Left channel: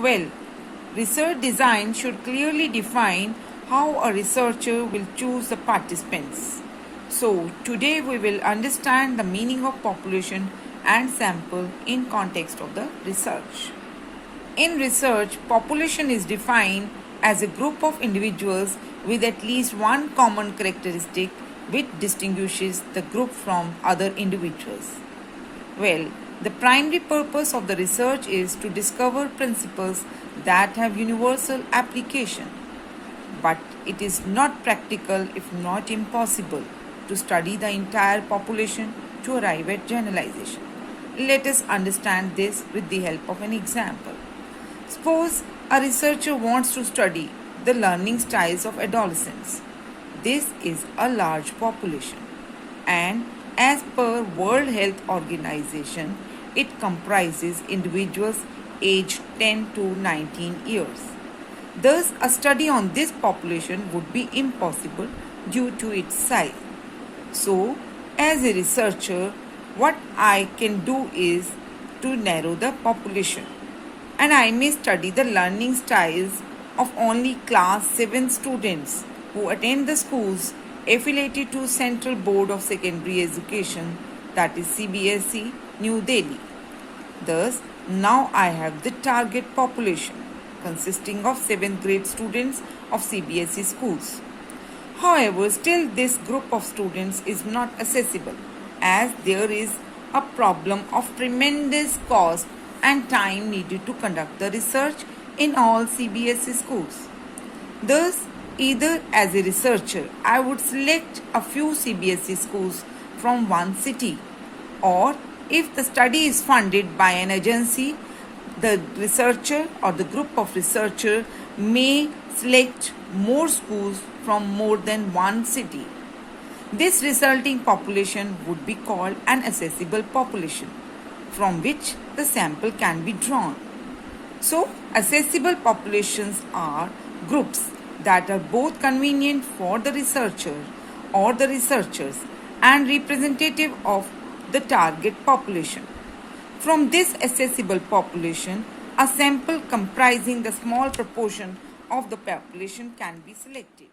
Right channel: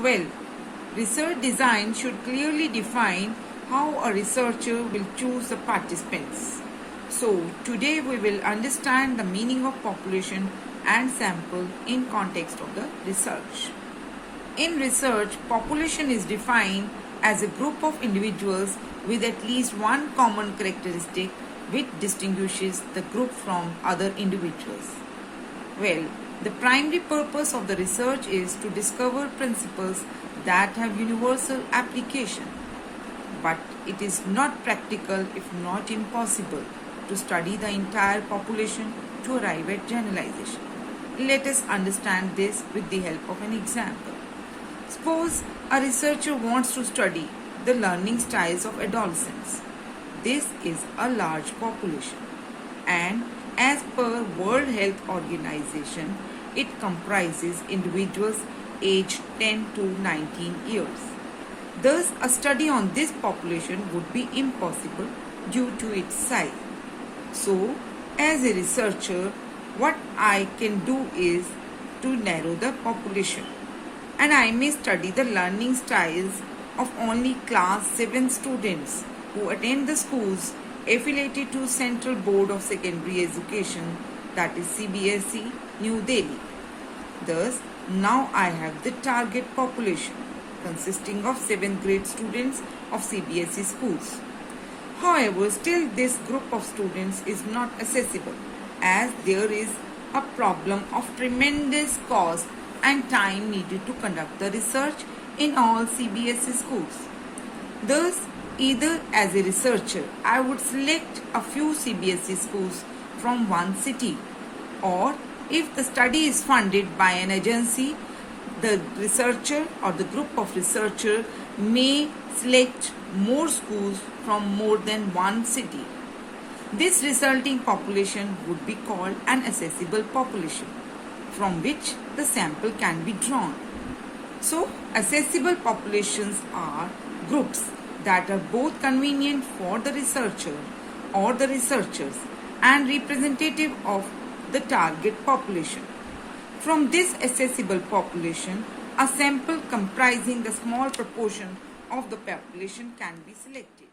Well, research design should clearly define how a researcher will choose the participants. So, today we will understand the meaning of population and sample in context of the research. In research, population is defined as a group of individuals with at least one common characteristic which distinguishes the group from other individuals. Well, the primary purpose of the research is to discover principles that have universal application. But it is not practical, if not impossible, to study the entire population to arrive at generalization. Let us understand this with the help of an example. Suppose a researcher wants to study the learning styles of adolescents. This is a large population, and as per World Health Organization, it comprises individuals aged 10 to 19 years. Thus, a study on this population would be impossible due to its size. So, as a researcher, what I can do is to narrow the population, and I may study the learning styles of only class 7 students who attend the schools affiliated to Central Board of Secondary Education, that is CBSE, New Delhi. Thus, now I have the target population consisting of 7th grade students of CBSE schools. However, still this group of students is not accessible as there is a problem of tremendous cost and time needed to conduct the research in all CBSE schools. Thus, either as a researcher, I would select a few CBSE schools from one city, or if the study is funded by an agency, the researcher or the group of researchers may select more schools from more than one city. This resulting population would be called an accessible population, from which the sample can be drawn. So, accessible populations are groups that are both convenient for the researcher or the researchers and representative of the target population. From this accessible population, a sample comprising the small proportion of the population can be selected.